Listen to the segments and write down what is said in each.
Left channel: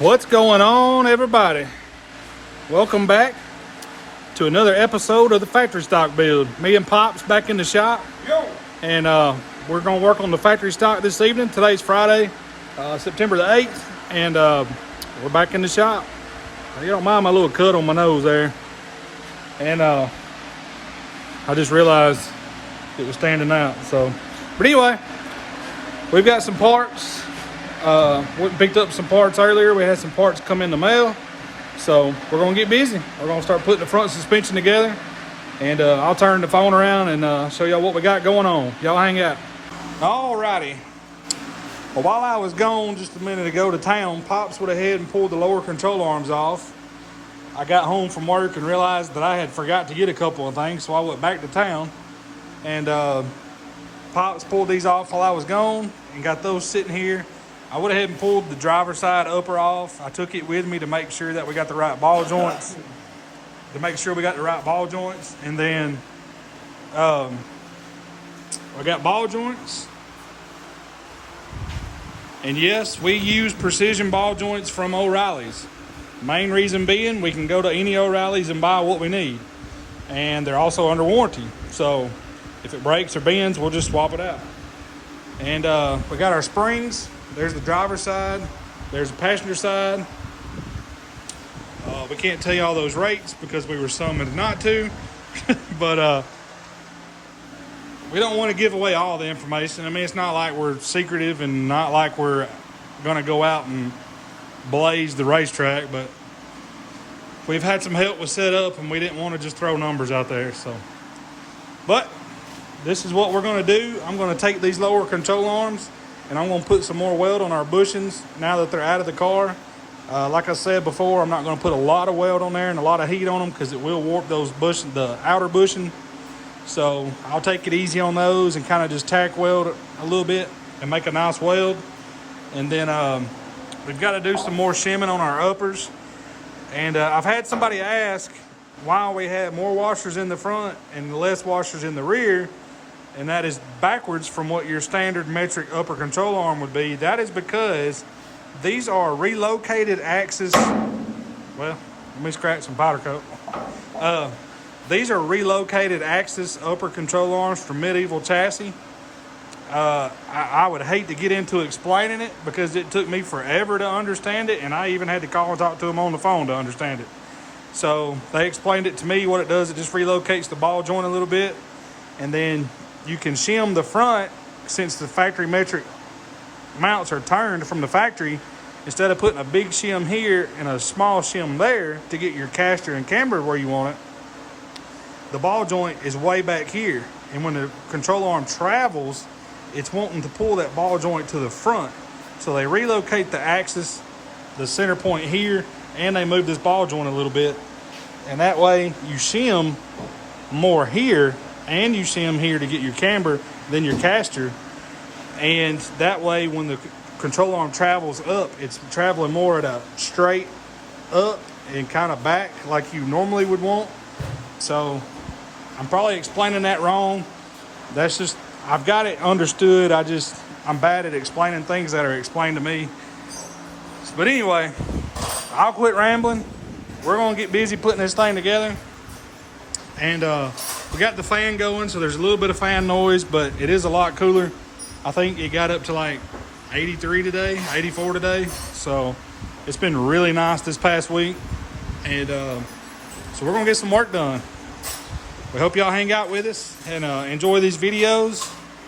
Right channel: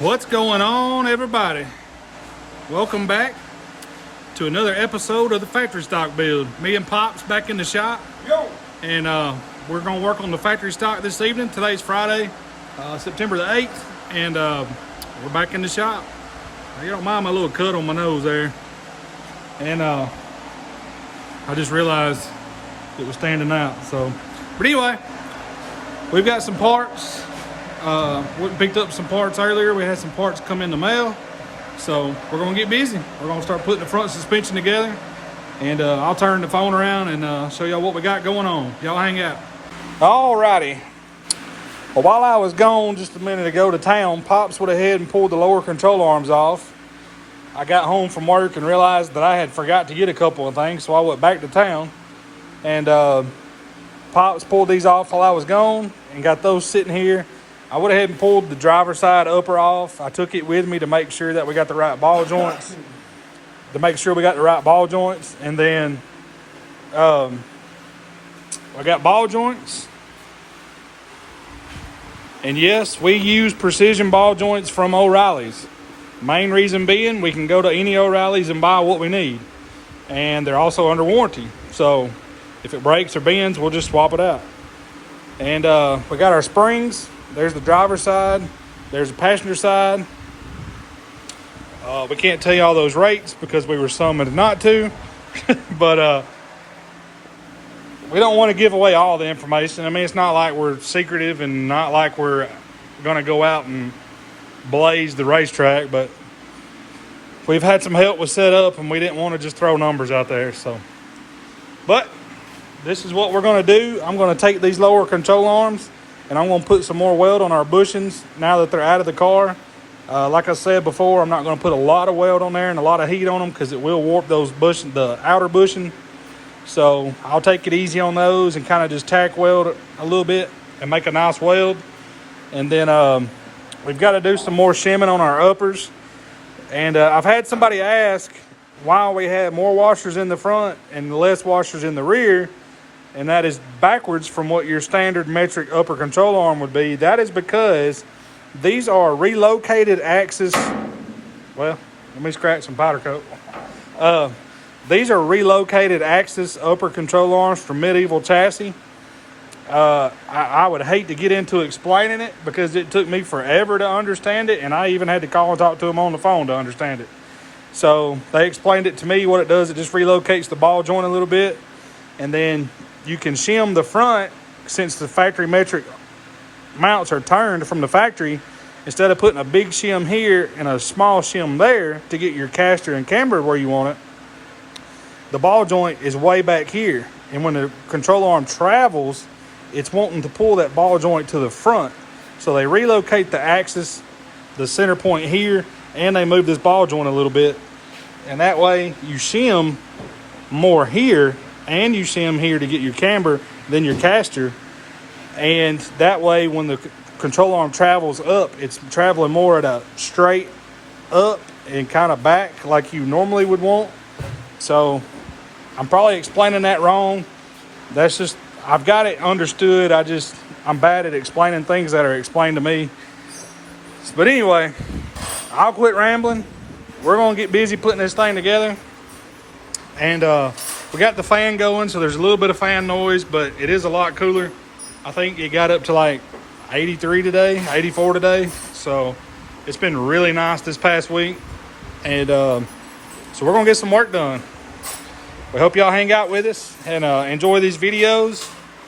What's going on, everybody? Welcome back to another episode of the factory stock build. Me and Pops back in the shop. Yo. And we're going to work on the factory stock this evening. Today's Friday, September the 8th, and we're back in the shop. You don't mind my little cut on my nose there. And I just realized it was standing out. But anyway, we've got some parts. We picked up some parts earlier. We had some parts come in the mail. So we're going to get busy. We're going to start putting the front suspension together. And I'll turn the phone around and show y'all what we got going on. Y'all hang out. Alrighty. Well, while I was gone just a minute ago to town, Pops went ahead and pulled the lower control arms off. I got home from work and realized that I had forgot to get a couple of things, so I went back to town. And Pops pulled these off while I was gone and got those sitting here. I went ahead and pulled the driver's side upper off. I took it with me to make sure that we got the right ball joints. And then I got ball joints. And yes, we use precision ball joints from O'Reilly's. Main reason being, we can go to any O'Reilly's and buy what we need. And they're also under warranty. So if it breaks or bends, we'll just swap it out. And we got our springs. There's the driver's side. There's the passenger side. We can't tell you all those rates because we were summoned not to. But we don't want to give away all the information. I mean, it's not like we're secretive and not like we're going to go out and blaze the racetrack. But we've had some help with setup and we didn't want to just throw numbers out there. But this is what we're going to do. I'm going to take these lower control arms and I'm going to put some more weld on our bushings now that they're out of the car. Like I said before, I'm not going to put a lot of weld on there and a lot of heat on them because it will warp those the outer bushing. So I'll take it easy on those and kind of just tack weld a little bit and make a nice weld. And then we've got to do some more shimming on our uppers. And I've had somebody ask why we had more washers in the front and less washers in the rear. And that is backwards from what your standard metric upper control arm would be. That is because these are relocated axis. Well, let me scratch some powder coat. These are relocated axis upper control arms from medieval chassis. I would hate to get into explaining it because it took me forever to understand it. And I even had to call and talk to them on the phone to understand it. So they explained it to me. What it does, it just relocates the ball joint a little bit. And then you can shim the front since the factory metric mounts are turned from the factory. Instead of putting a big shim here and a small shim there to get your caster and camber where you want it, the ball joint is way back here. And when the control arm travels, it's wanting to pull that ball joint to the front. So they relocate the axis, the center point here, and they move this ball joint a little bit. And that way you shim more here and you shim here to get your camber than your caster. And that way when the control arm travels up, it's traveling more at a straight up and kind of back like you normally would want. So I'm probably explaining that wrong. That's just, I've got it understood. I'm bad at explaining things that are explained to me. But anyway, I'll quit rambling. We're going to get busy putting this thing together. And we got the fan going, so there's a little bit of fan noise, but it is a lot cooler. I think it got up to like 83 today, 84 today. So it's been really nice this past week. And so we're going to get some work done. We hope y'all hang out with us and enjoy these videos.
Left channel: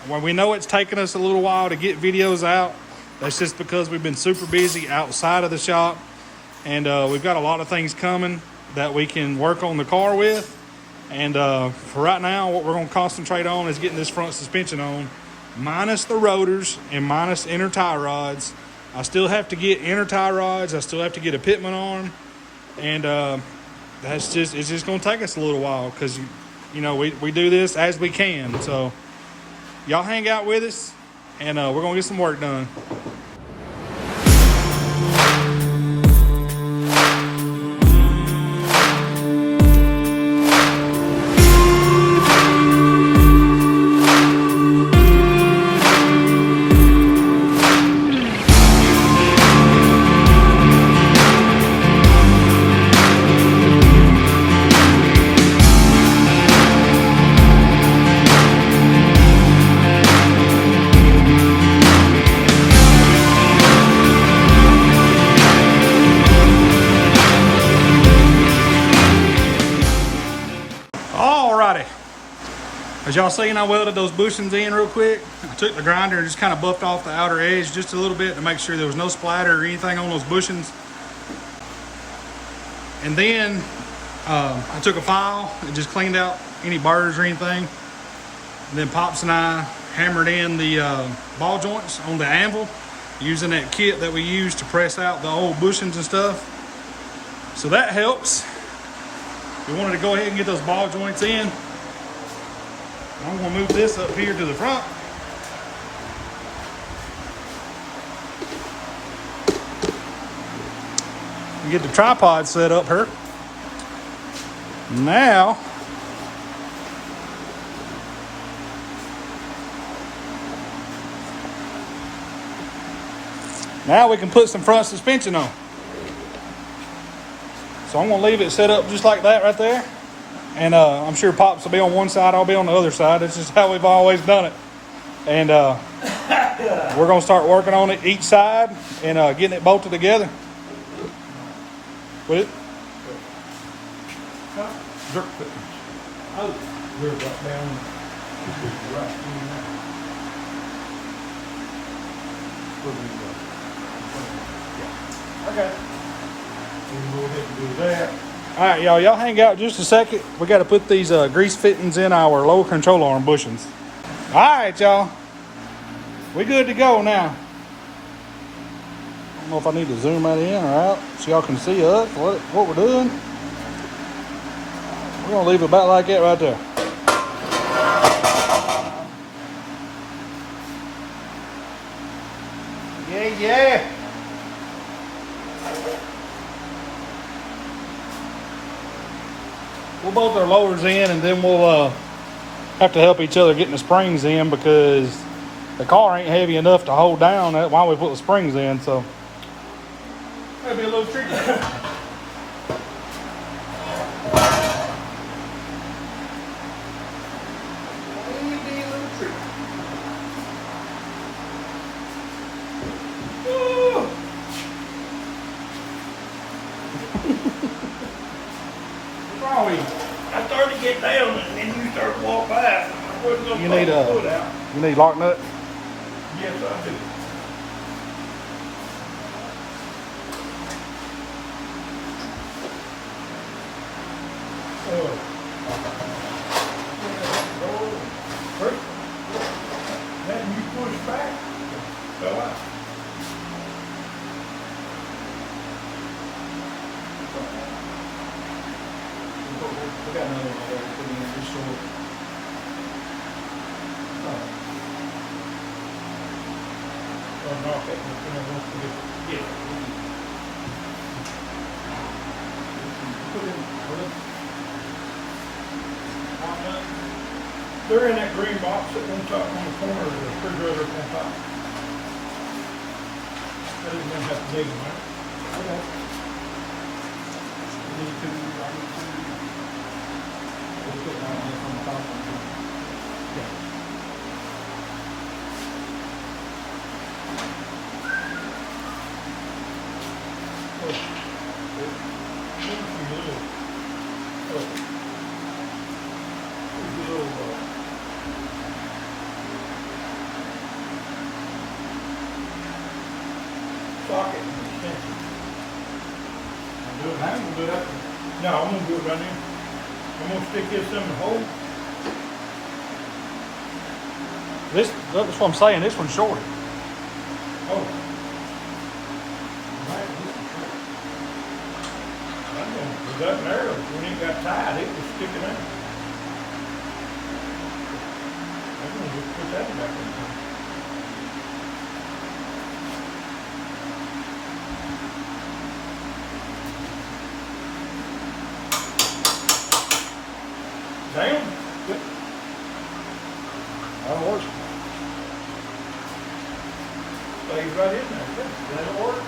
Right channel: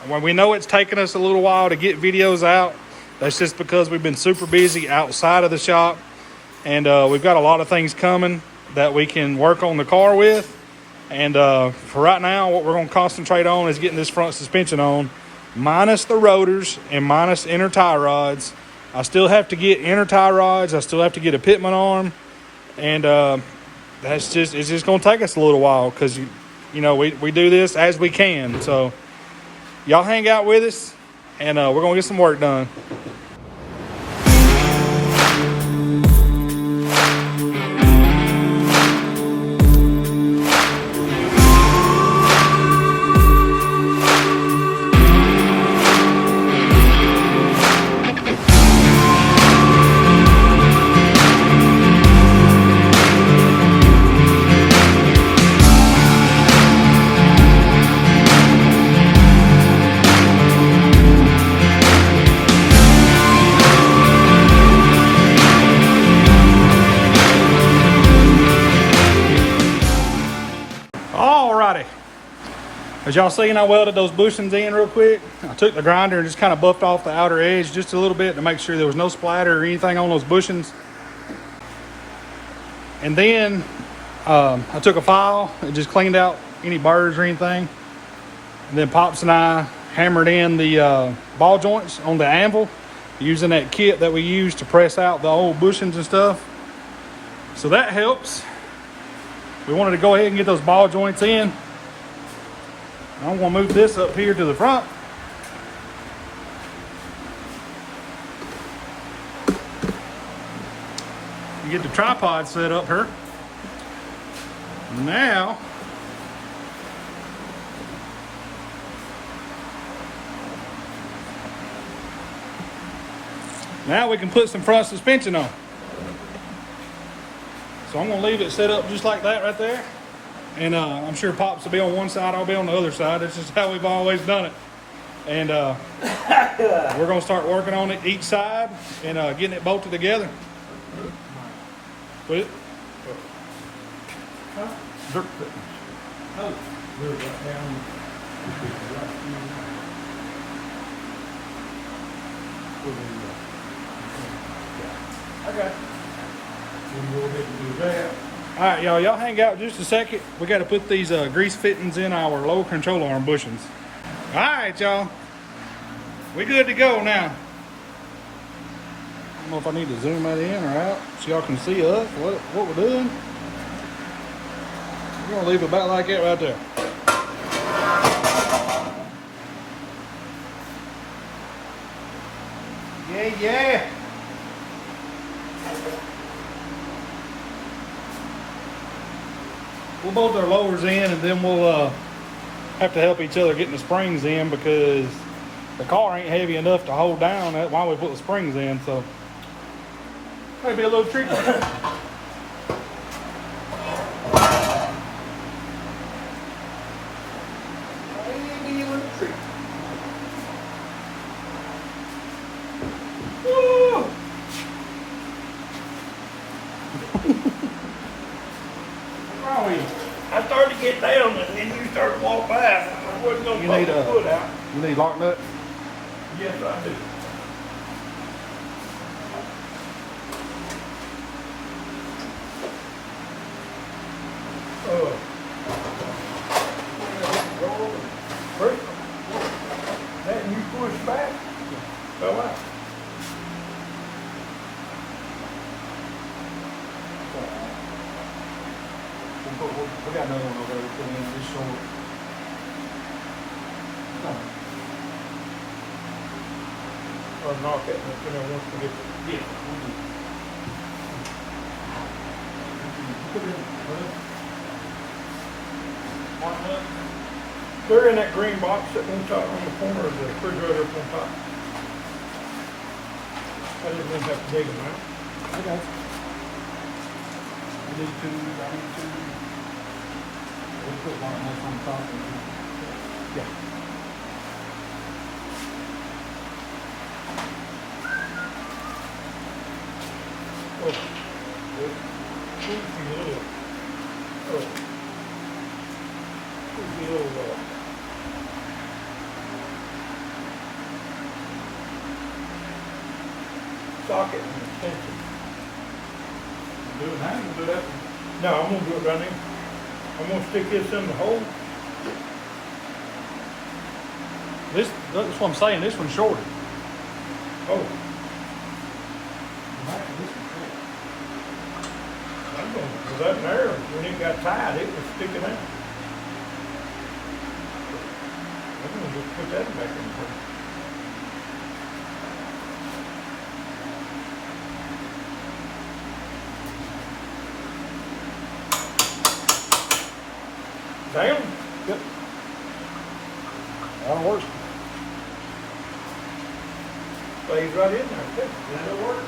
When we know it's taken us a little while to get videos out, that's just because we've been super busy outside of the shop. And we've got a lot of things coming that we can work on the car with. And for right now, what we're going to concentrate on is getting this front suspension on, minus the rotors and minus inner tie rods. I still have to get inner tie rods. I still have to get a pitman arm. And it's just going to take us a little while because, you know, we do this as we can. So y'all hang out with us, and we're going to get some work done. As y'all seen, I welded those bushings in real quick. I took the grinder and just kind of buffed off the outer edge just a little bit to make sure there was no splatter or anything on those bushings. And then I took a file and just cleaned out any burrs or anything. And then Pops and I hammered in the ball joints on the anvil using that kit that we used to press out the old bushings and stuff. So that helps. We wanted to go ahead and get those ball joints in. I'm gonna move this up here to the front. And get the tripod set up here. Now, we can put some front suspension on. So I'm gonna leave it set up just like that right there. And I'm sure Pops will be on one side, I'll be on the other side. That's just how we've always done it. And we're gonna start working on it each side and getting it bolted together. With it? Dirt fitting. Oh, you're right down. Okay. All right, y'all hang out just a second. We got to put these grease fittings in our lower control arm bushings. All right, y'all. We good to go now. I don't know if I need to zoom that in or out so y'all can see us, what we're doing. We're going to leave it about like that right there. Yeah. We'll bolt our lowers in and then we'll have to help each other getting the springs in because the car ain't heavy enough to hold down while we put the springs in, so maybe a little tricky. Maybe a little tricky. I started to get down and then you started to walk by. You need lock nut? Yes, I do. That you push back, fell out. We got another one over there. Put it in this short. Not that much. Yeah. They're in that green box sitting on top on the corner of the refrigerator on top. I didn't even have to dig them out. Okay. Yeah. Socket and extension. Do it now, we'll do that. No, I'm gonna do it right now. I'm gonna stick this in the hole. That's what I'm saying. This one's shorter. Oh. Does that matter? When it got tied, it was sticking out. I'm gonna just put that back in there. Down. Yep. I'm working. Stays right in there. Good. Then it'll work.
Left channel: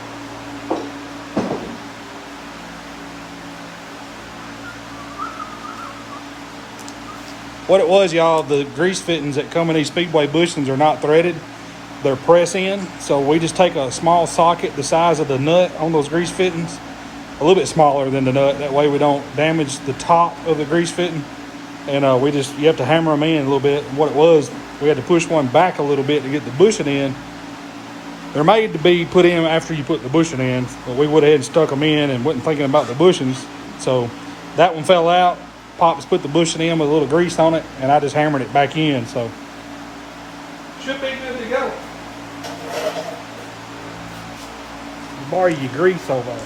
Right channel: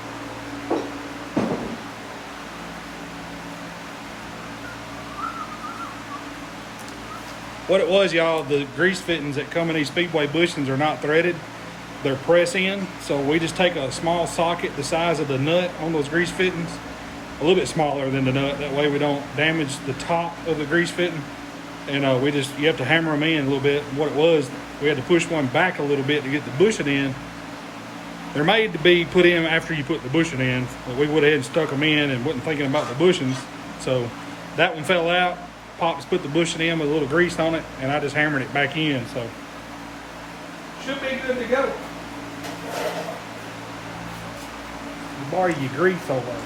What it was, y'all, the grease fittings that come in these Speedway bushings are not threaded. They're press in. So we just take a small socket the size of the nut on those grease fittings, a little bit smaller than the nut. That way we don't damage the top of the grease fitting. and you have to hammer them in a little bit. And what it was, we had to push one back a little bit to get the bushing in. They're made to be put in after you put the bushing in, but we went ahead and stuck them in and wasn't thinking about the bushings. So that one fell out. Pops put the bushing in with a little grease on it, and I just hammered it back in. So should be good to go. Borrow your grease over it.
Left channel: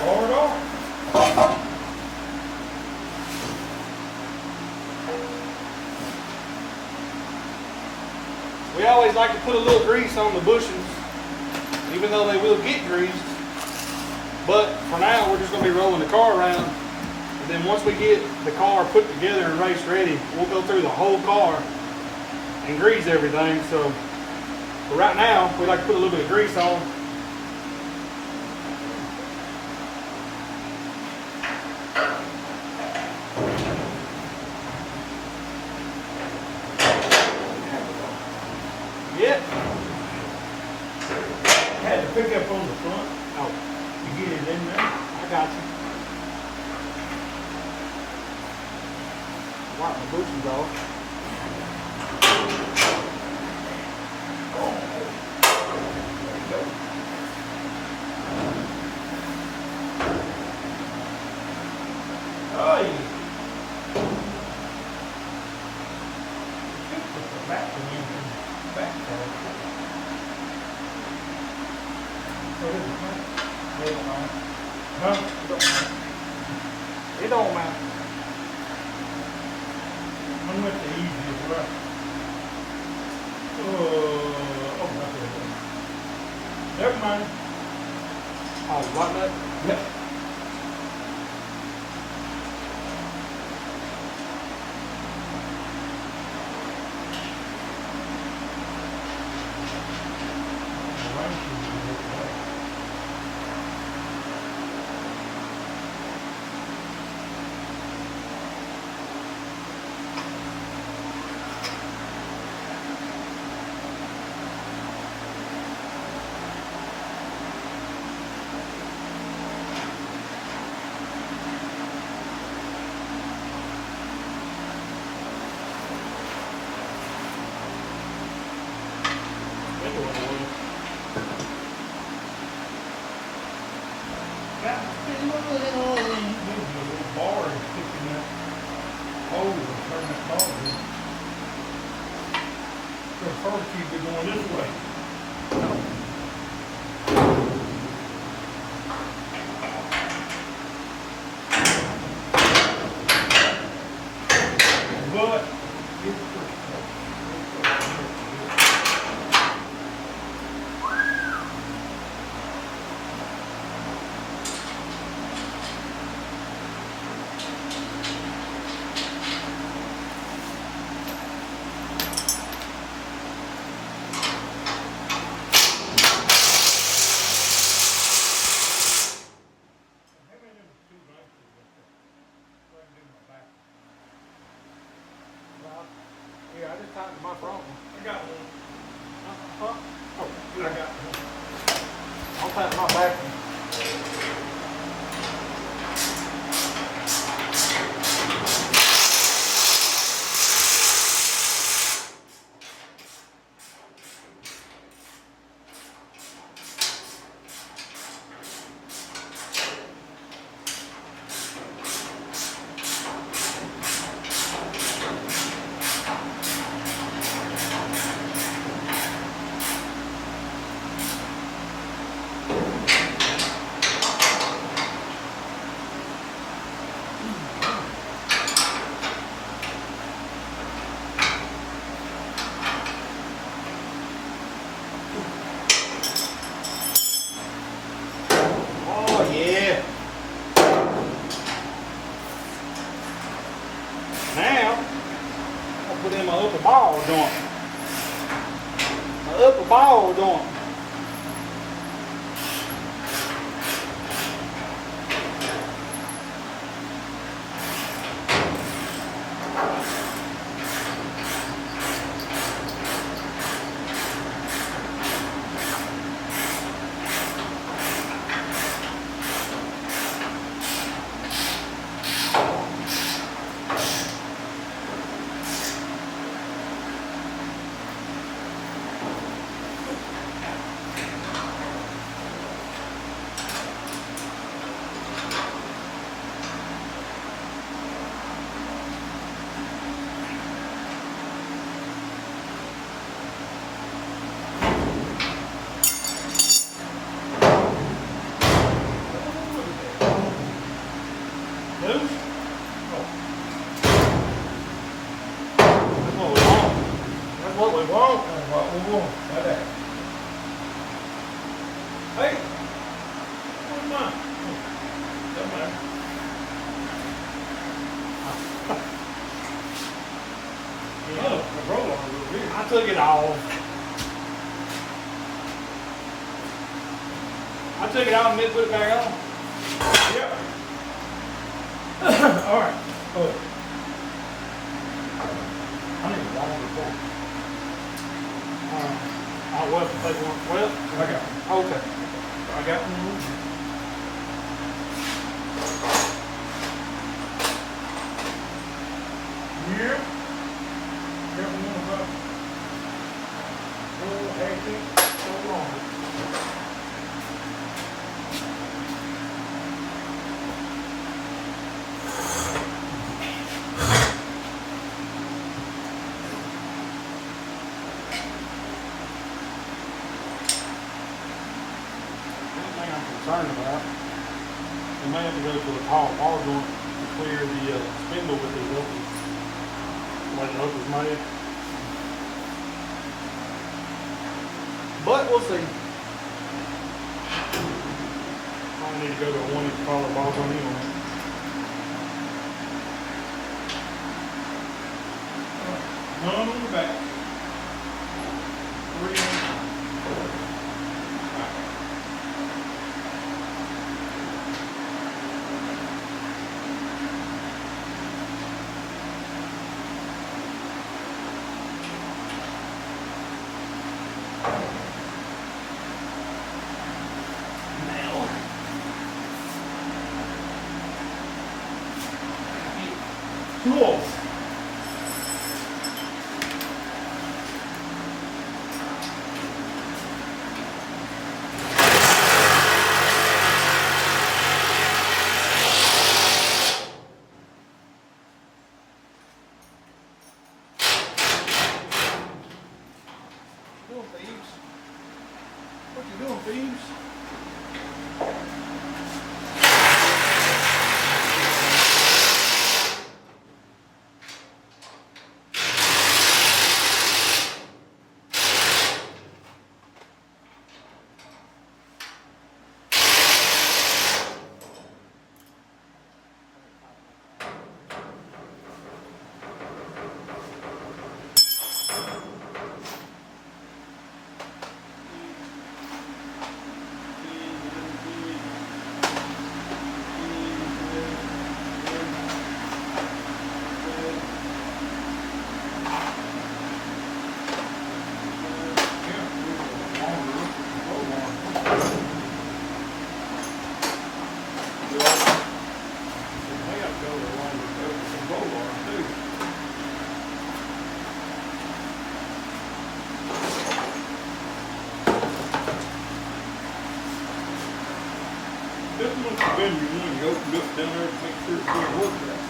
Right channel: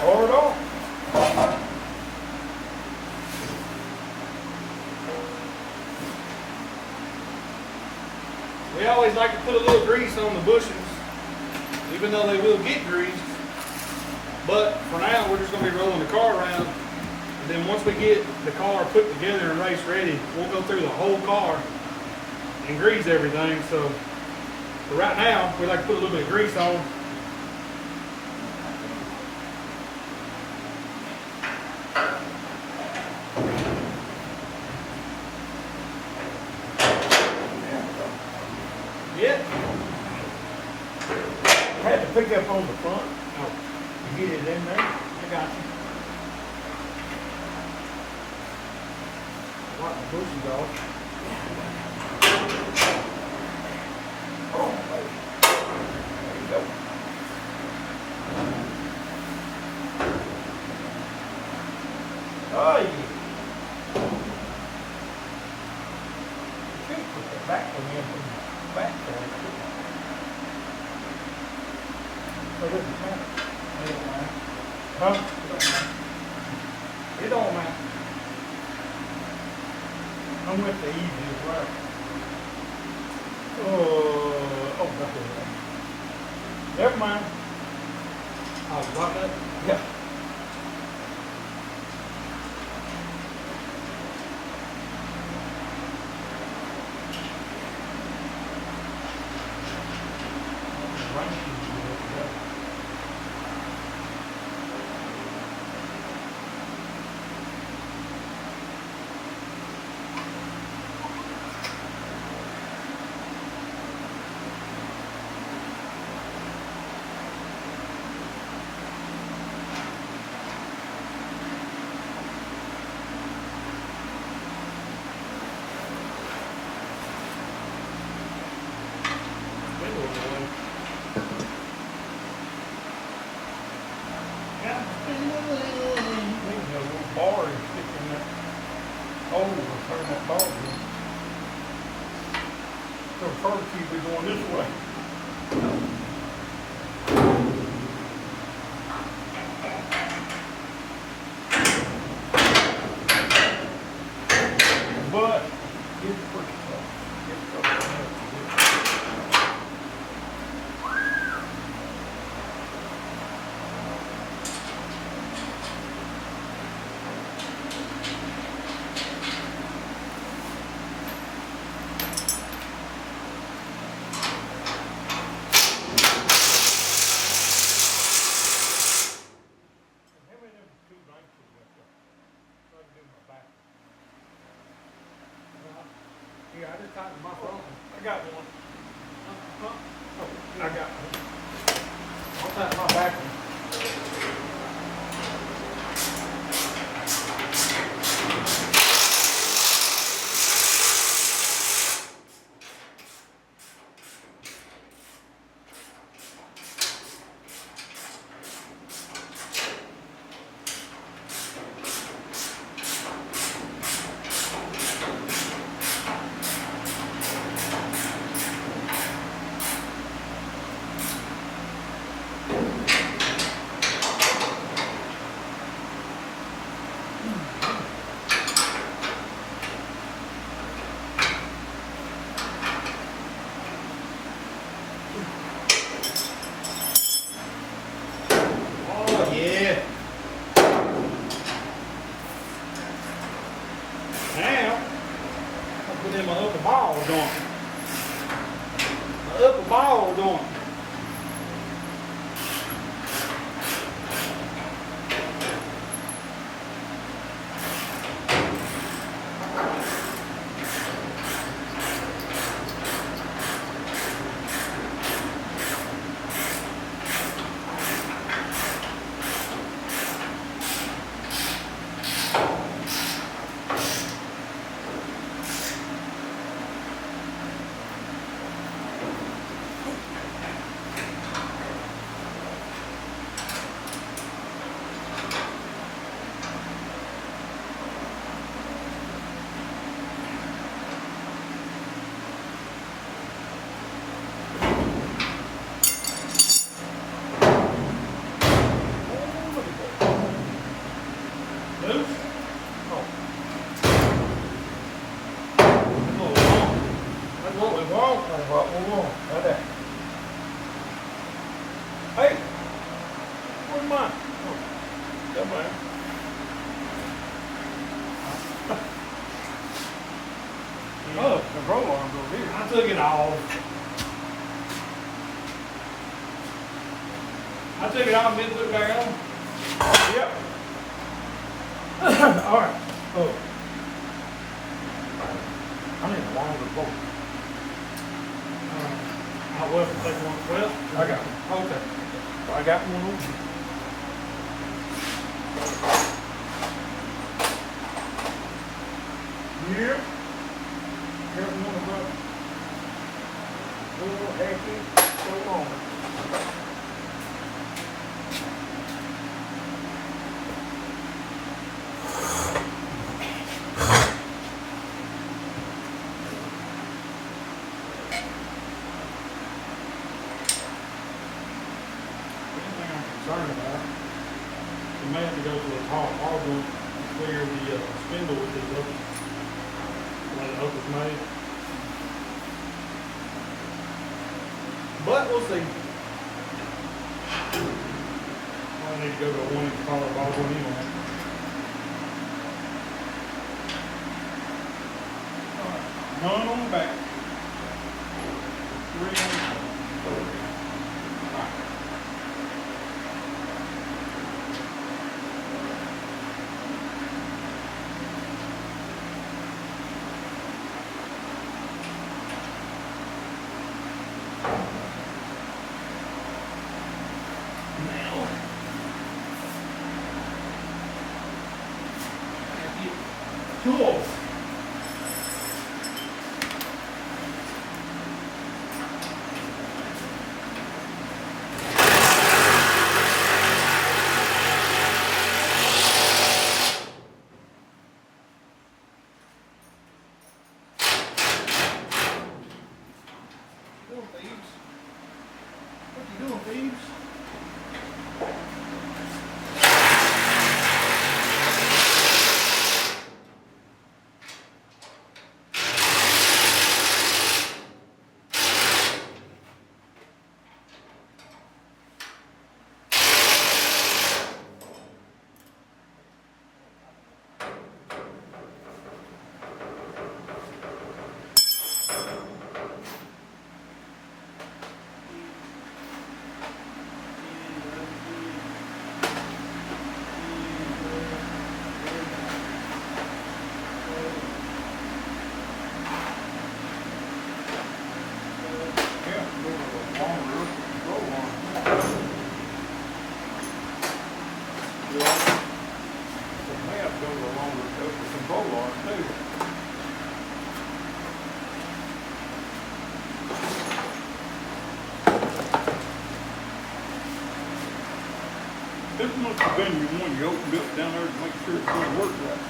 Pour it off. We always like to put a little grease on the bushings, even though they will get greased. But for now, we're just going to be rolling the car around. And then once we get the car put together and race ready, we'll go through the whole car and grease everything. So for right now, we like to put a little bit of grease on. Yeah. Had to pick up on the front. Oh, to get it in there. I got you. Wipe my bushings off. Oh, yeah. Just put the back one in from the back there. Oh, this is mine. It don't matter. Huh? It don't matter. It don't matter. I went the easiest way. Oh, that's it. Never mind. Oh, right there? Yeah. Bar is sticking that hole to turn that bar in. So first you'd be going this way. But it's pretty tough. Yeah, I just tightened my front one. I got one. Oh, I got one. I'll tighten my back one. Oh, yeah. Now, I'll put in my upper ball joint. My upper ball joint. Right there. Hey, where's mine? Oh, somewhere. Oh, the roll arm's over here. I took it all. I took it out and then put it back on. Yep. All right. Oh. I need a longer bolt. I was to take one. Well, I got one. Okay. I got one. Here. So long. Concerned about. We may have to go to a hall to clear the spindle with the open. Like the open's made. But we'll see. I need to go to a 1-inch collar bar one anyway. None on the back. 3 on the front. Tools. What you doing, thieves? This must have been your one you opened up down there to make sure it's going to work right.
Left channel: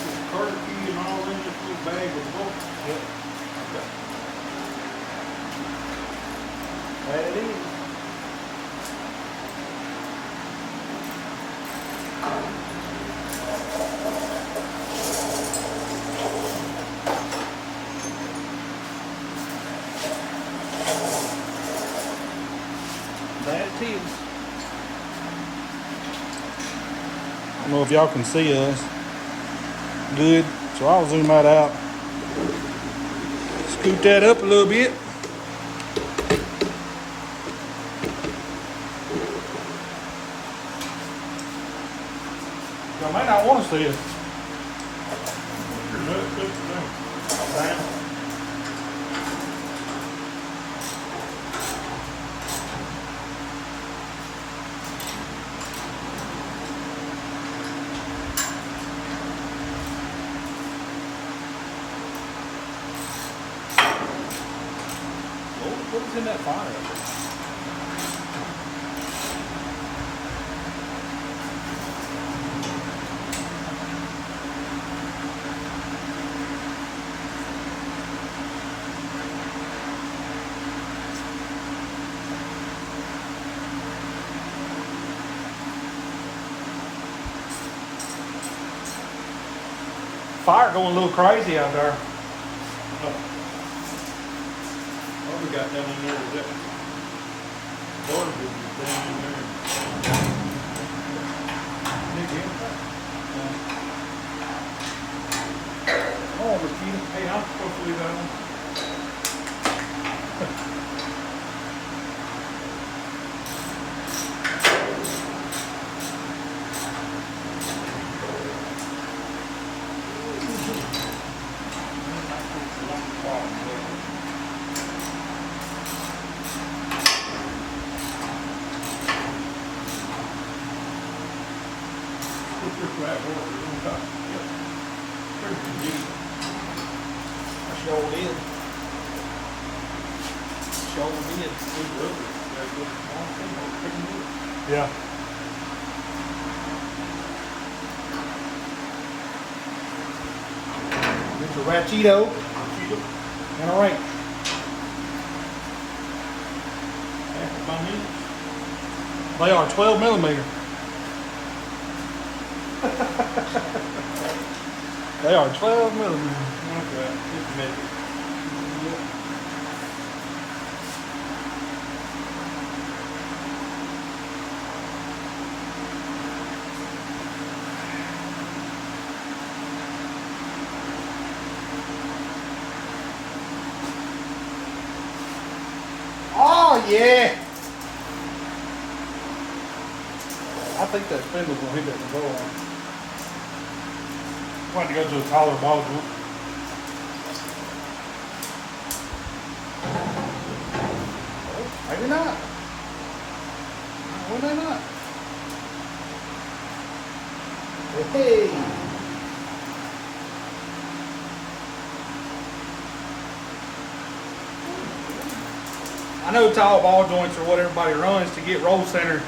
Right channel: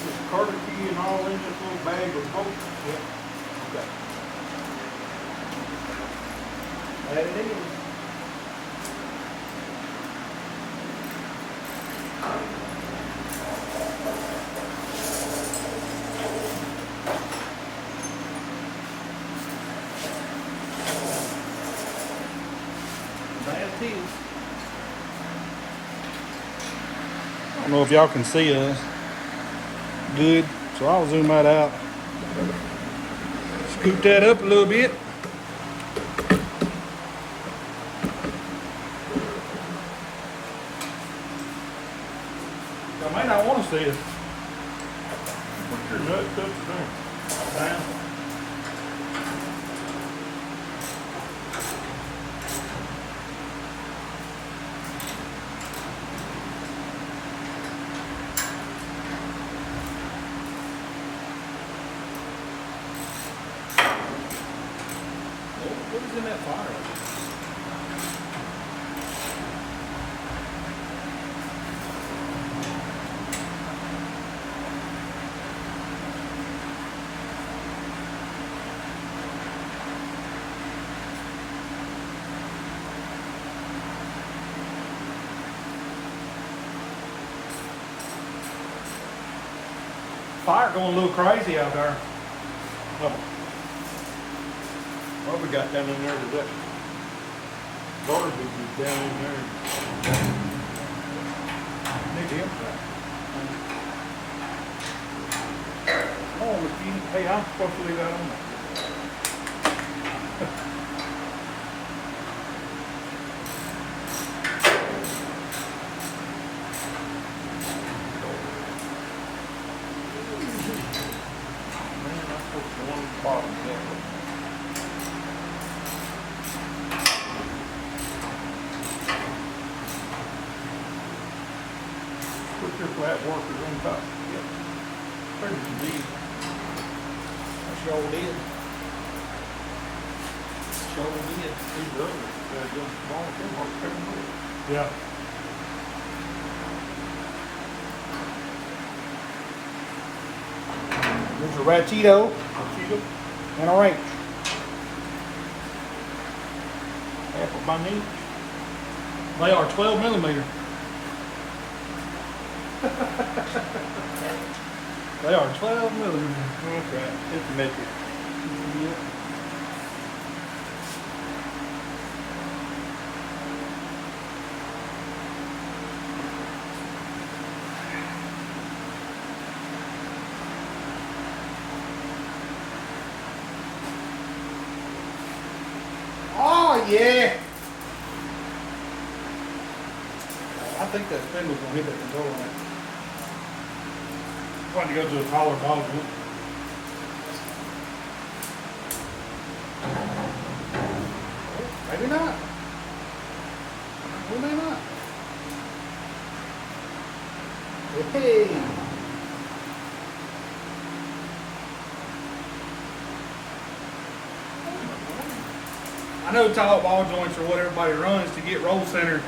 Just cart key and all in this little bag of bolts. Yep. Okay. Add it in. I don't know if y'all can see us good, so I'll zoom that out. Scoot that up a little bit. I might not want to see it. Put your nut clips down. What was in that file? fire going a little crazy out there. Oh. What we got down in there today? Garbage is down in there. Oh, hey, I'm supposed to do that on flat workers on top. Pretty neat. That's all it is. That's all it is. It's rubber. Yeah. There's a Ratcheto and a rake. Half of my meat. They are 12 millimeter. They are 12 millimeter. Okay. It's nickel. Oh yeah! I think that Spindle's gonna hit the control on. I wanted to go to a taller ball joint. Maybe not. Maybe not. Hey! I know tall ball joints are what everybody runs to get roll center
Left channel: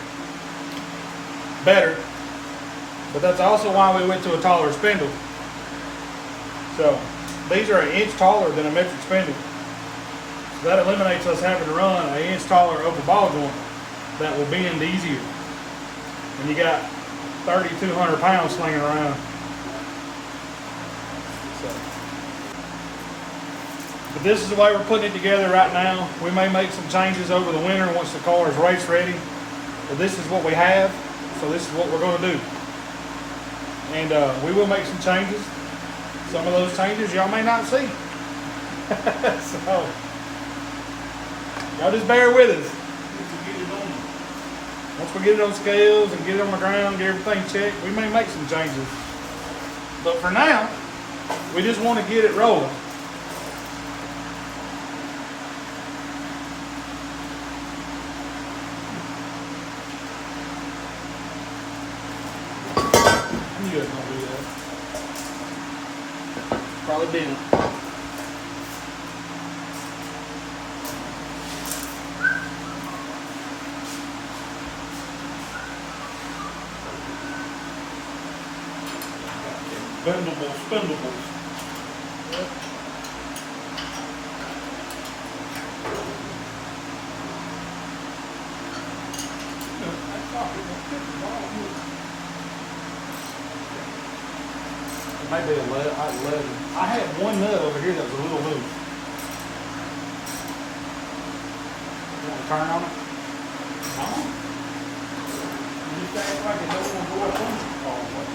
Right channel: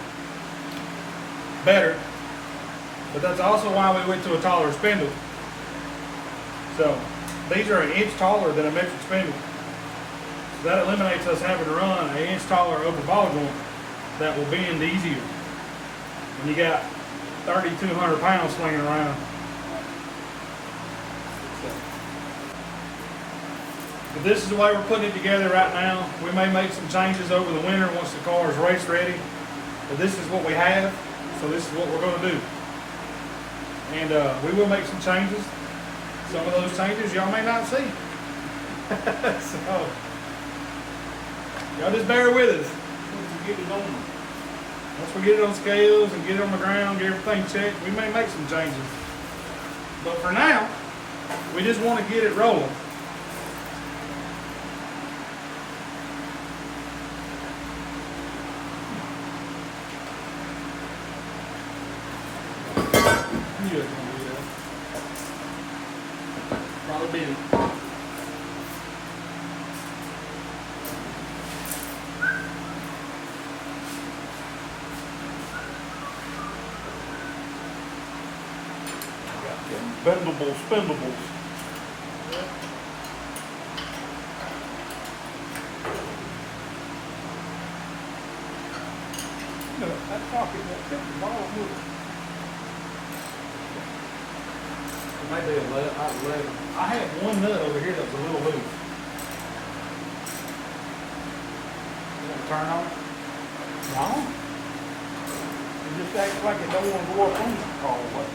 better, but that's also why we went to a taller spindle. So these are an inch taller than a metric spindle. So that eliminates us having to run an inch taller over ball joint that will bend easier. And you got 3,200 pounds slinging around. But this is the way we're putting it together right now. We may make some changes over the winter once the car is race ready. But this is what we have, so this is what we're going to do. And we will make some changes. Some of those changes y'all may not see. So, y'all just bear with us. Once we get it on scales and get it on the ground, get everything checked, we may make some changes. But for now, we just want to get it rolling. You guys know what it is. Probably did. Spindle. Maybe a lead. I had one nut over here that was a little loose. You want to turn on it? No. You just act like it don't want to go up on the car away.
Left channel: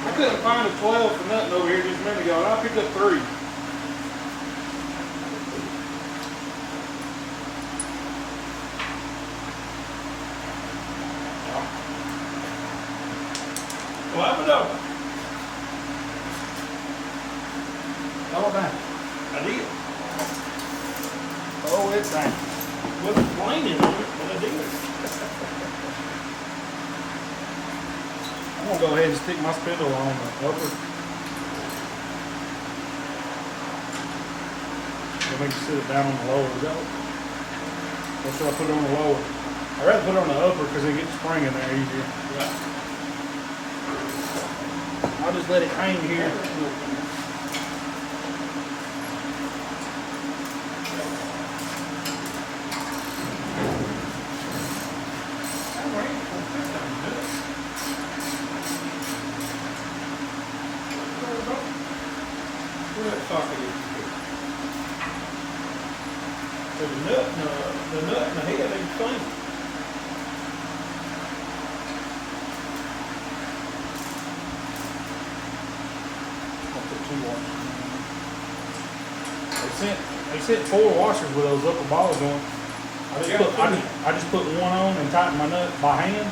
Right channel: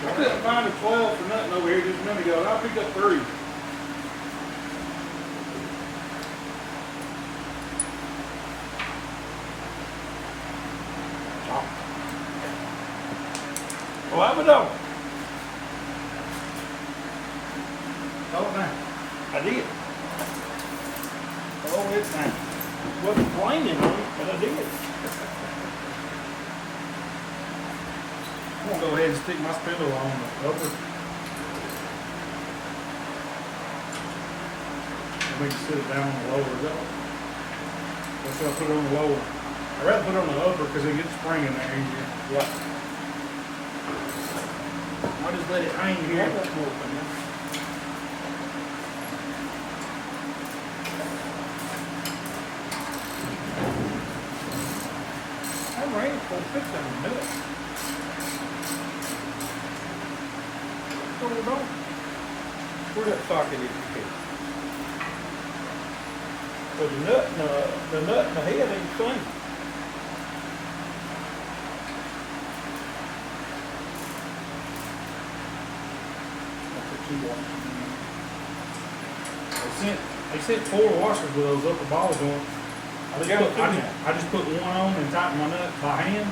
I couldn't find a 12 for nothing over here just a minute ago, and I picked up 3. Well, that was over. Oh, down. I did. Oh, it's down. Wasn't flaming on it, but I did. I'm going to go ahead and stick my spindle on the over. And we can sit it down on the lower. That's what I put it on the lower. I'd rather put it on the upper because it gets spring in there easier. Yeah. I'll just let it hang here. nut socket is. But the nut and the head is the same. I'll put 2 washers. They sent 4 washers with those upper balls on. I just put one on and tighten my nut by hand,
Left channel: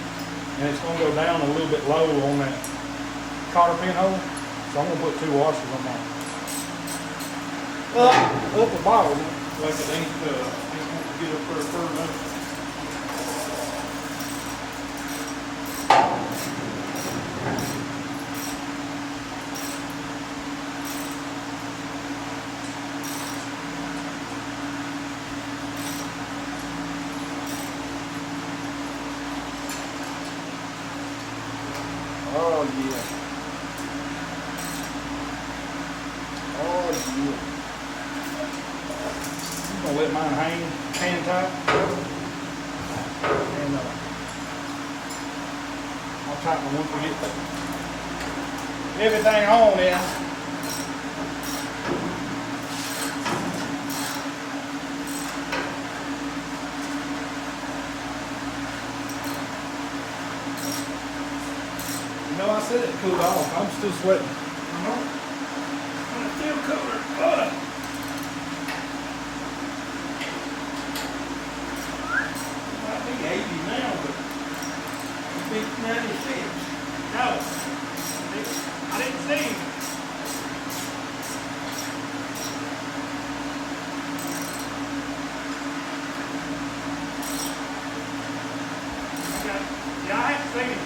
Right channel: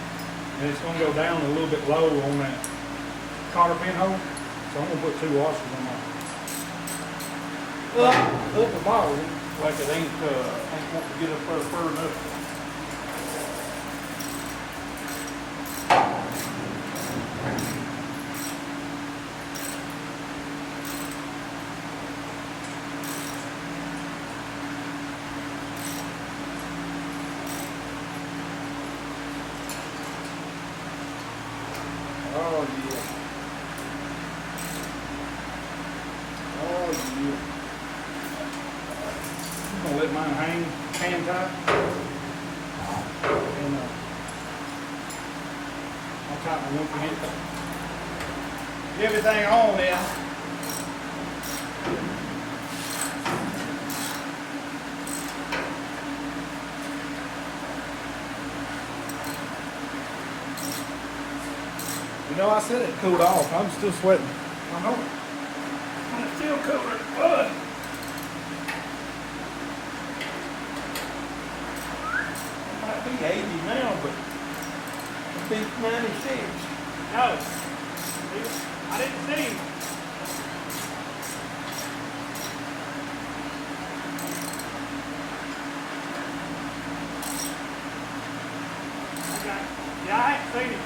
and it's gonna go down a little bit low on that cotter pin hole. So I'm gonna put 2 washers on that. Upper ball, like it ain't want to get up there fur enough. Oh yeah. Oh yeah. I'm gonna let mine hang hand tight. And I'll tighten my once we get everything on now. You know, I said it cooled off. I'm still sweating. I know. I'm still covered in blood. Might be 80 now, but it'll be 96. No. I didn't see him. Yeah, I have seen him.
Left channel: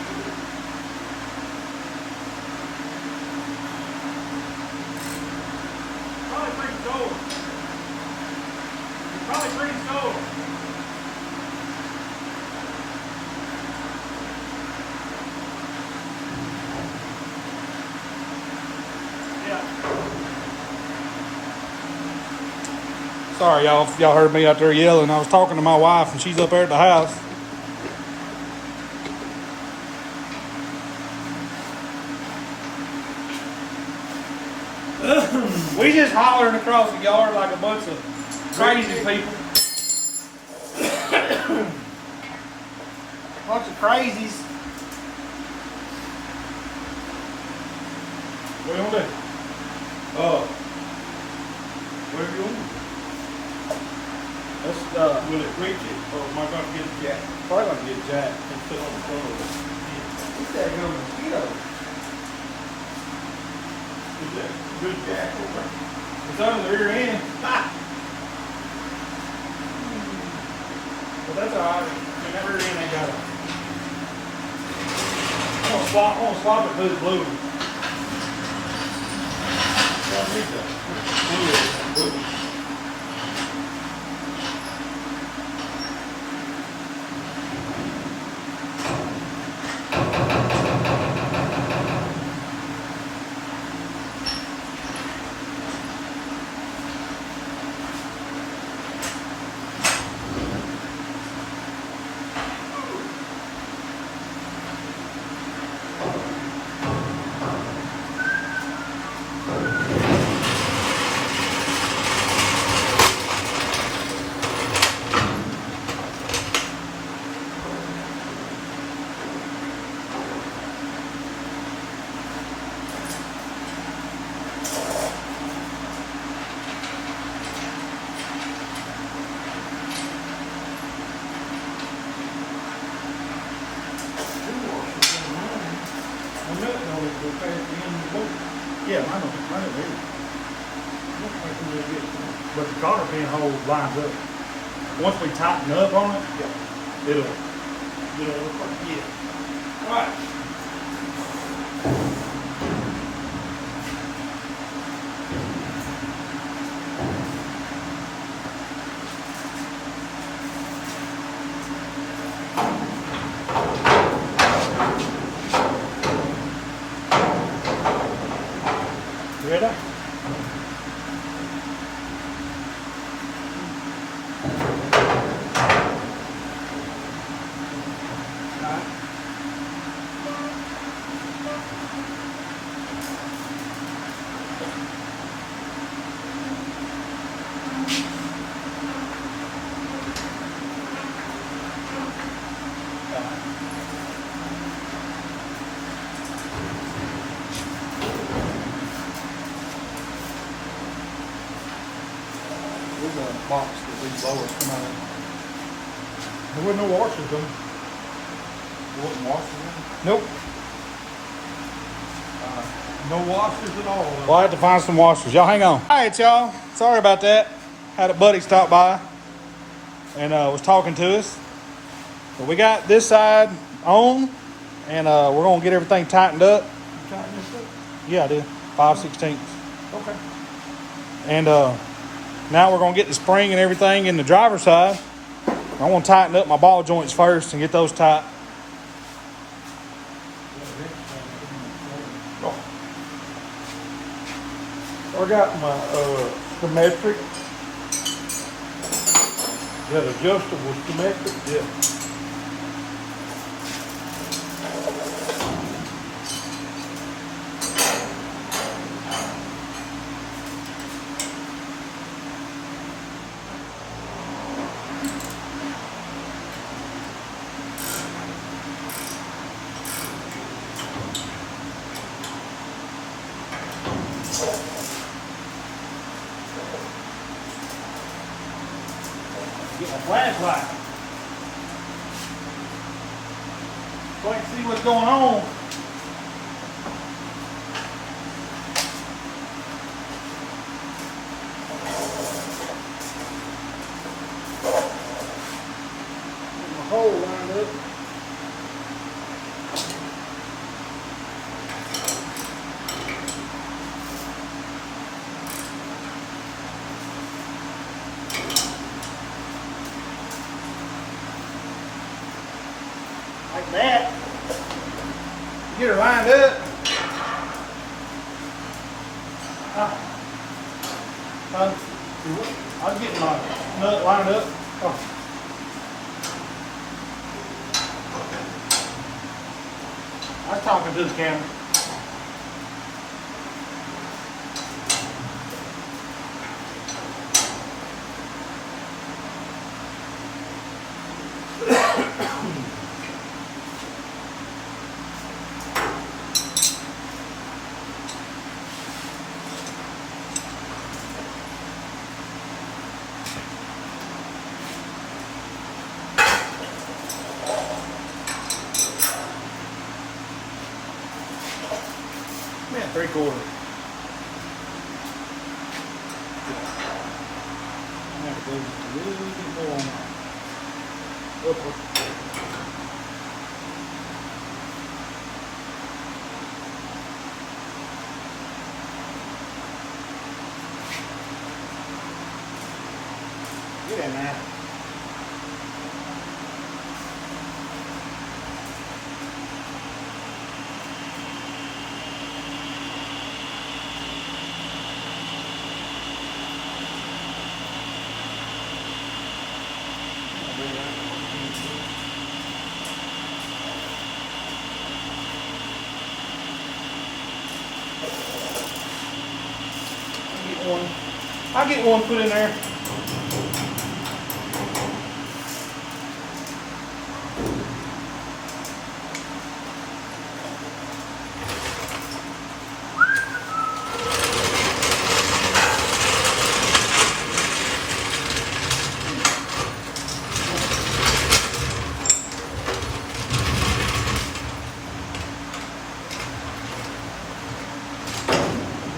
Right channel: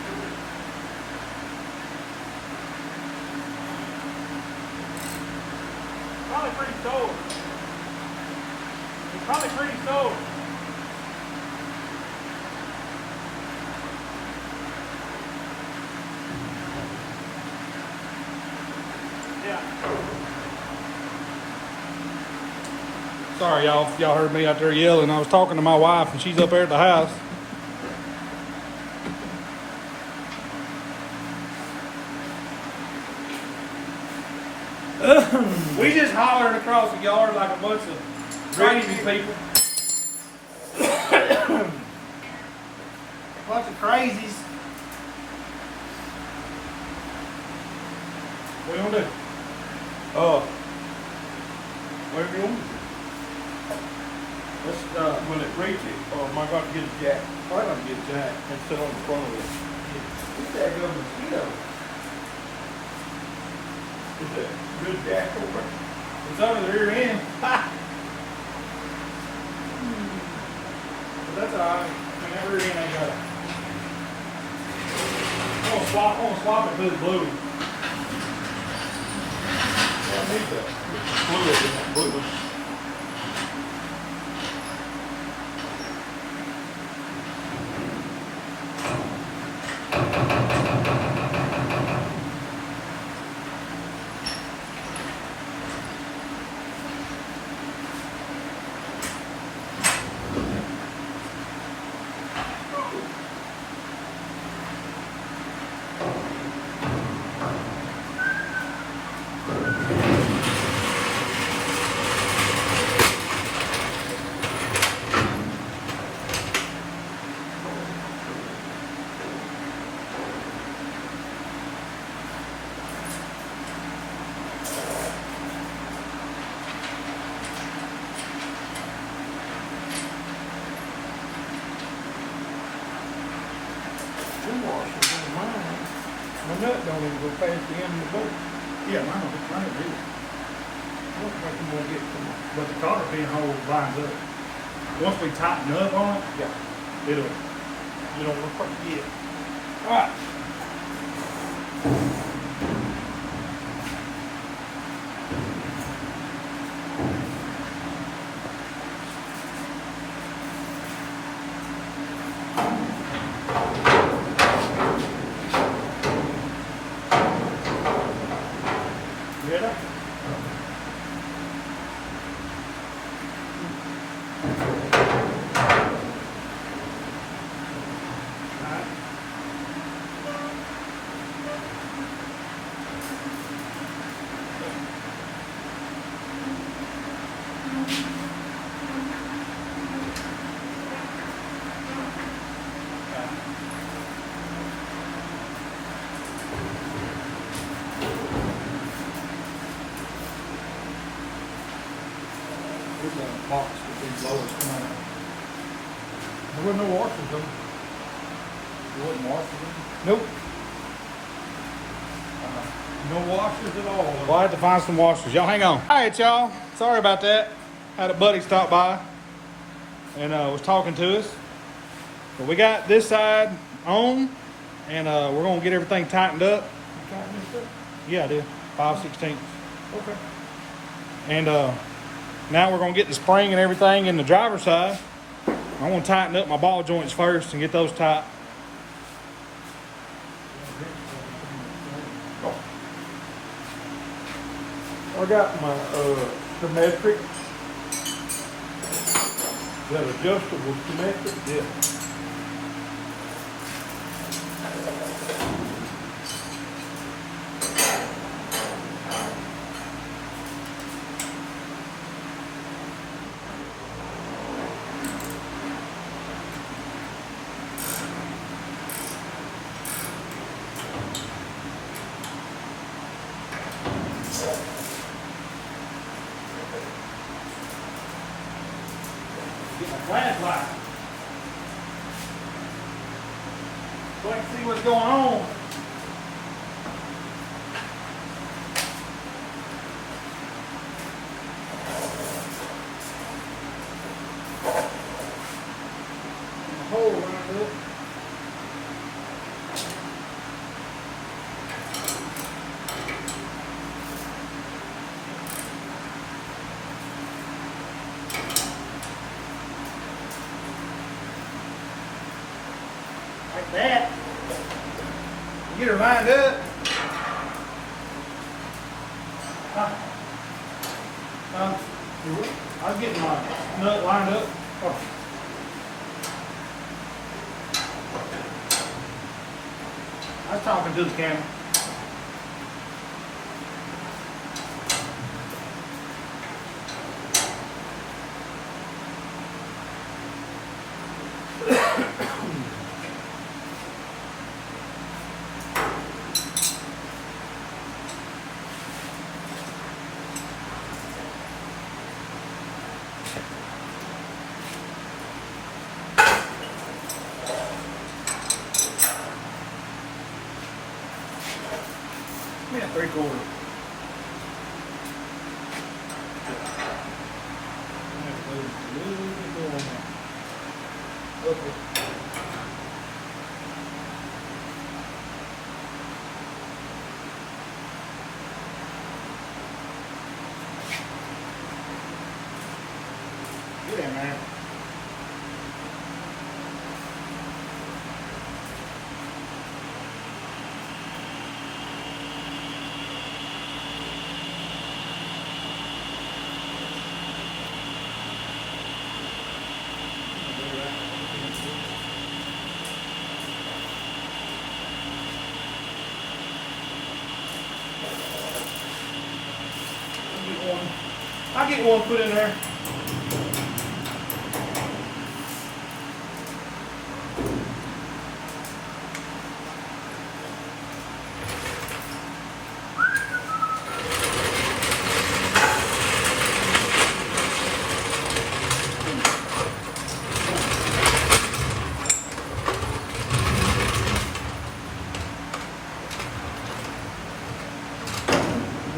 Probably pretty cold. It's probably pretty cold. Yeah. Sorry, y'all. Y'all heard me out there yelling. I was talking to my wife, and she's up there at the house. We just hollering across the yard like a bunch of crazy people. Bunch of crazies. What do you want to do? What do you want? Let's, will it reach it, or am I going to get a jack? Probably going to get a jack. Let's put it on the front of it. What's that good mosquito? Is that good jack over? It's on the rear end. Ha! But that's alright. I mean, that rear end ain't got it. I'm gonna swap it to the blue. Yeah, I need that. Blue. My nut don't even go past the end of the boat. Yeah, I know. But the cotter pin hole lines up. Once we tighten up on it, Yeah. it'll look pretty good. All right. Ready? box with these blowers come on. There wasn't no washers in. There wasn't washers in? Nope. No washers at all. Well, I have to find some washers. Y'all hang on. All right, y'all. Sorry about that. Had a buddy stop by and was talking to us. But we got this side on, and we're going to get everything tightened up. You tighten this up? Yeah, I did. 5/16. Okay. And now we're going to get the spring and everything in the driver's side. I want to tighten up my ball joints first and get those tight. I got my symmetric. That adjustable symmetric. Yeah. Get my flashlight. So I can see what's going on. Hole lined up. Like that. Get her lined up. I'm getting my nut lined up. Oh. I was talking to the camera. Yeah, 3/4. Get in there. I'll get one put in there.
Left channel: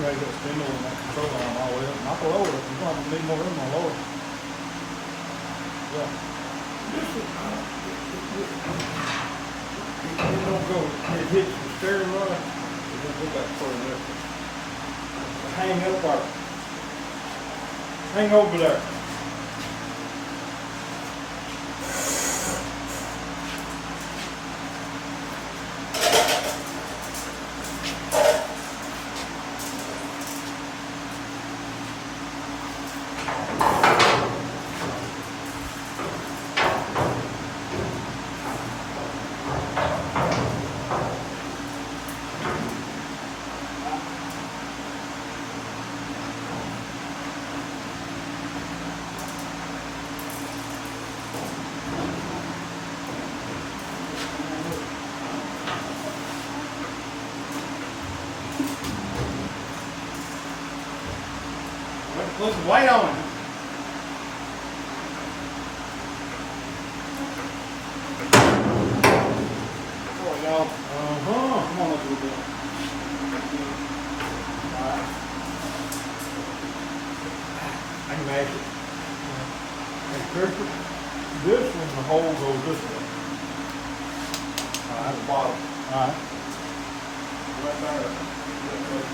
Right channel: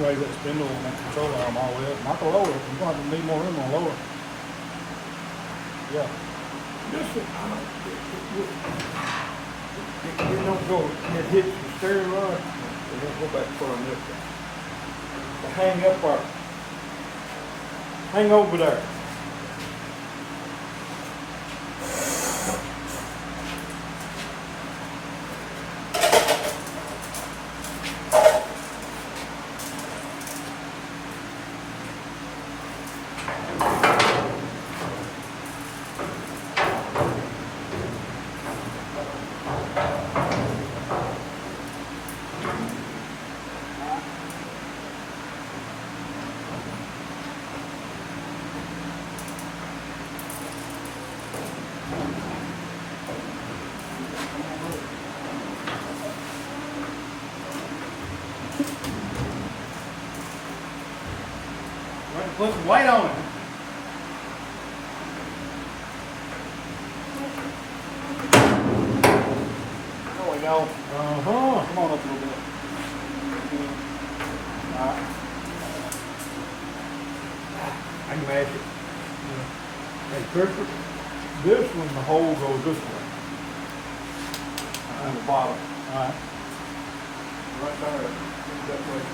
Raise that spindle and that control arm all the way up. Not the lower. You're not gonna need more room on the lower. Yeah. It don't go. It hits the steering rod. It don't go back far enough. Hang up right. Hang over there. Put some weight on it. cash it. And this one, the hole goes this way. On the bottom. Alright. Right there. That way.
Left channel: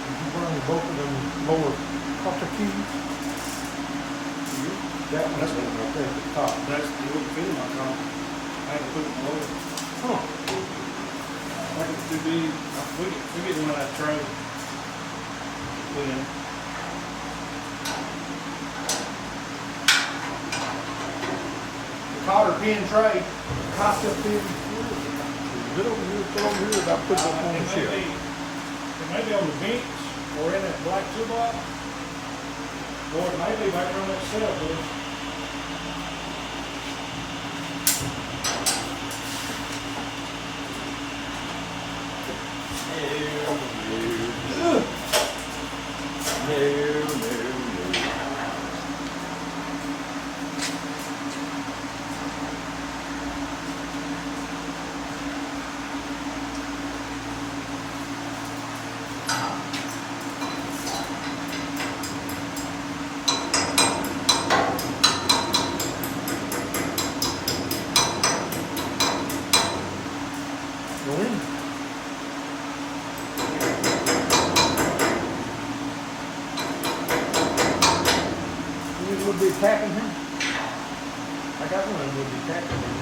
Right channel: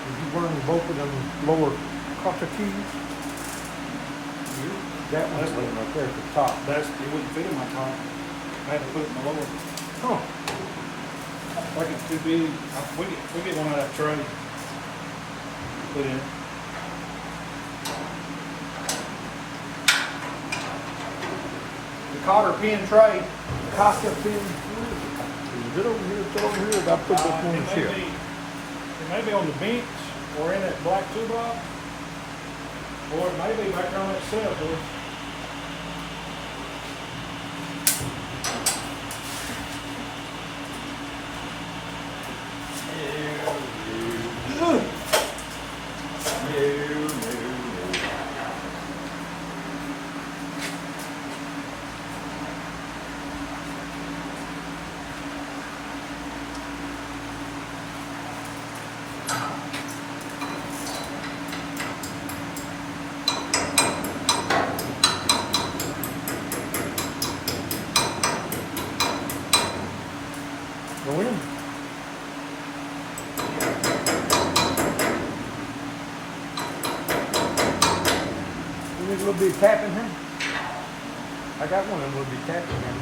Did you burn both of them lower copper keys? That's what right there at the top. That's the little bit of my top. I had to put it in the lower. Huh. Like it could be, we get one of that tray. Put in. The cotter pin tray, the Costa pin. Get over here, get over here, I'll put this in It here. may be on the bench or in that black 2-block. Or it may be back on itself, but Go in. You need a little bit of tapping here? I got one of them little bit of tapping here.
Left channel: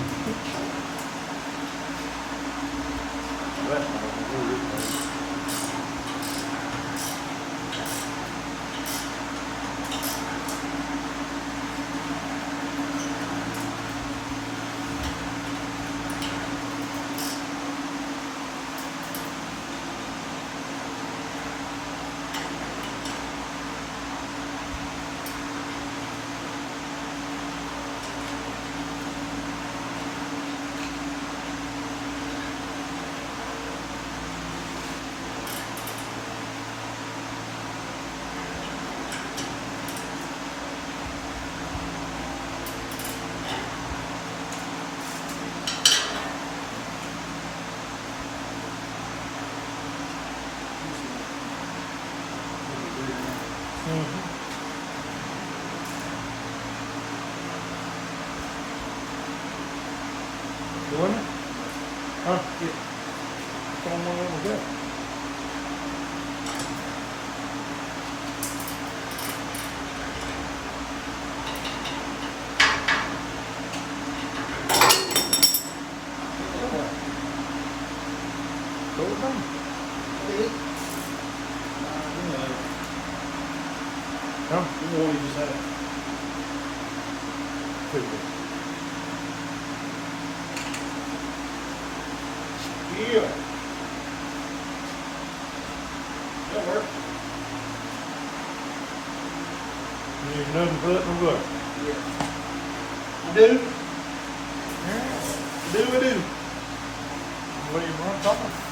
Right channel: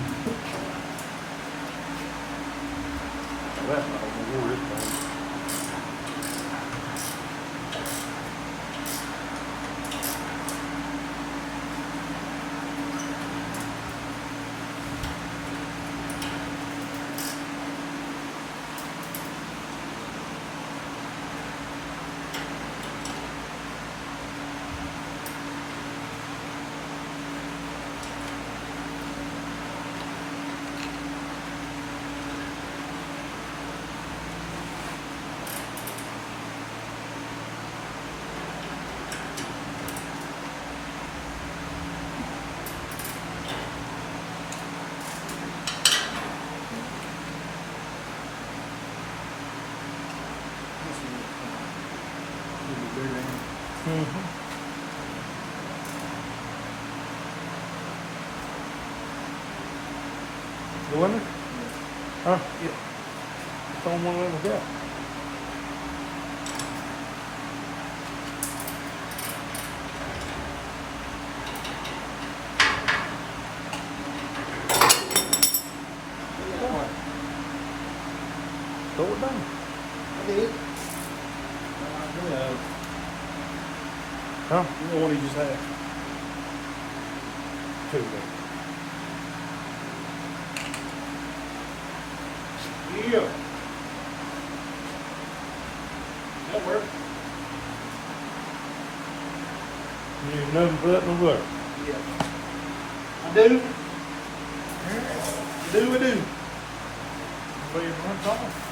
One? Huh? Yeah. Same one over there. Throw it down. Huh? you know what he just had. Yeah. That works. You use nothing but the work. I do. I do. What do you want to talk about?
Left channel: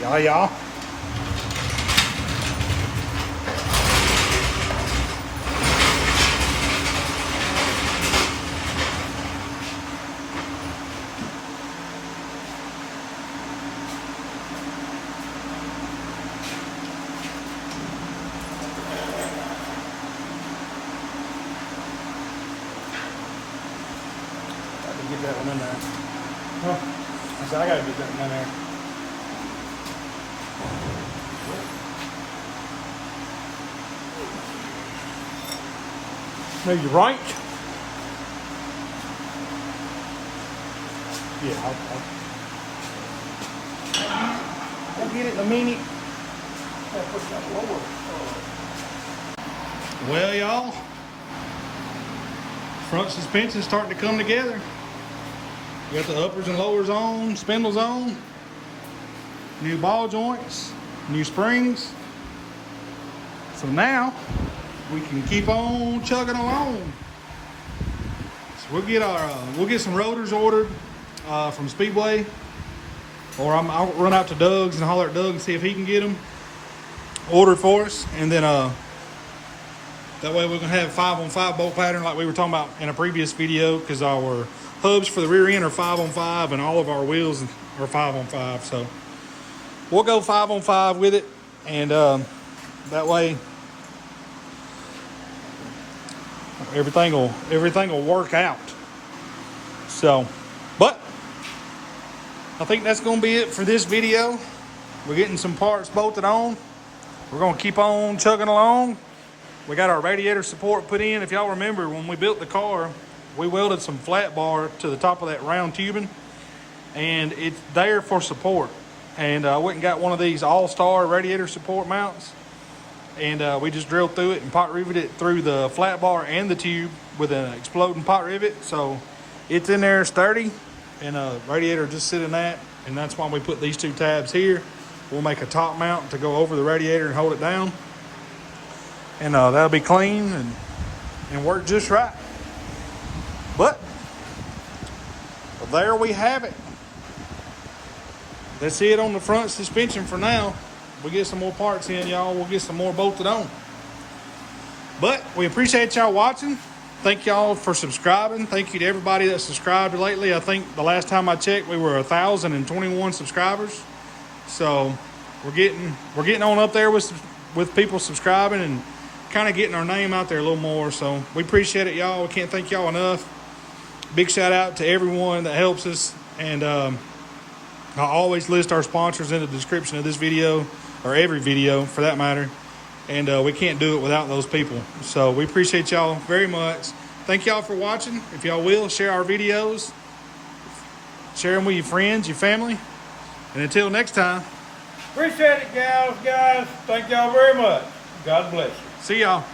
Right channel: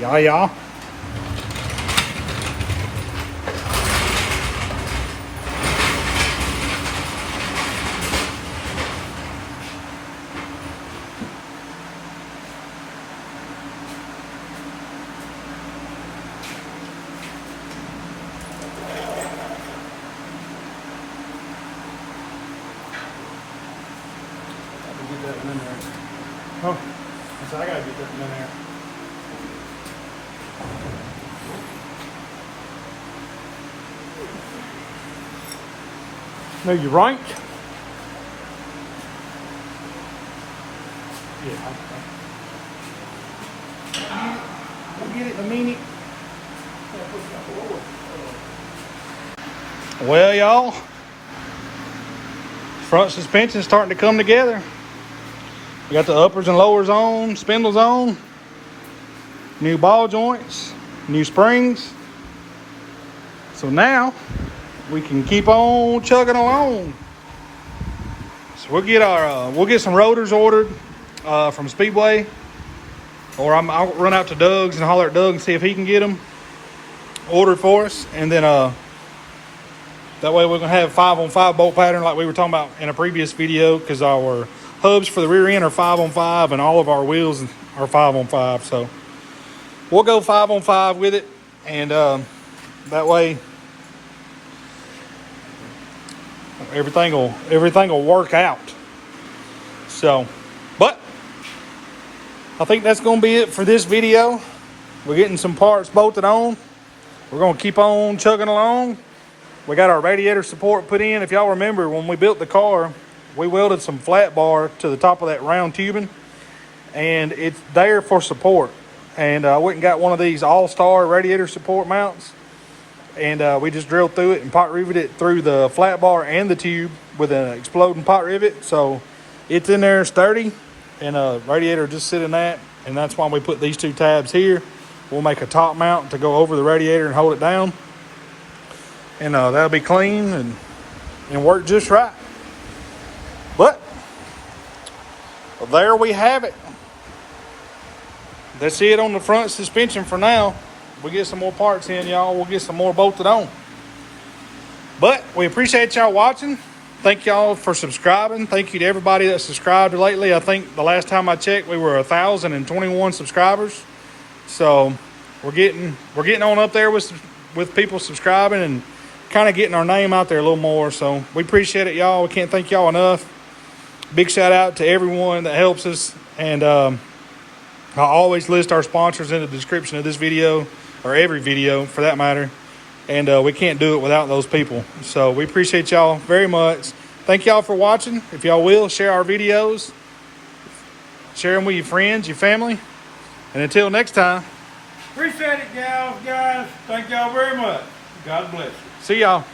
Ja, ja. Get that one in there. Huh? there. Are you right? Yeah, We'll get it in a minute. Well, y'all, front suspension's starting to come together. We got the uppers and lowers on, spindles on, new ball joints, new springs. So now we can keep on chugging along. So we'll get some rotors ordered from Speedway, or I'll run out to Doug's and holler at Doug and see if he can get them ordered for us, and then that way we're gonna have 5-on-5 bolt pattern like we were talking about in a previous video, because our hubs for the rear end are 5-on-5 and all of our wheels are 5-on-5. So we'll go 5-on-5 with it, and that way everything will work out. So, but I think that's gonna be it for this video. We're getting some parts bolted on. We're gonna keep on chugging along. We got our radiator support put in. If y'all remember, when we built the car, we welded some flat bar to the top of that round tubing, and it's there for support. And I went and got one of these all-star radiator support mounts, and we just drilled through it and pot riveted it through the flat bar and the tube with an exploding pot rivet. So it's in there sturdy, and a radiator just sit in that, and that's why we put these two tabs here. We'll make a top mount to go over the radiator and hold it down, and that'll be clean and work just right. But there we have it. That's it on the front suspension for now. We get some more parts in, y'all. We'll get some more bolted on. But we appreciate y'all watching. Thank y'all for subscribing. Thank you to everybody that subscribed lately. I think the last time I checked, we were 1,021 subscribers. So we're getting on up there with people subscribing and kind of getting our name out there a little more. So we appreciate it, y'all. We can't thank y'all enough. Big shout out to everyone that helps us. And I always list our sponsors in the description of this video, or every video for that matter. And we can't do it without those people. So we appreciate y'all very much. Thank y'all for watching. If y'all will, share our videos. Share them with your friends, your family. And until next time. Appreciate it, guys. Thank y'all very much. God bless you. See y'all.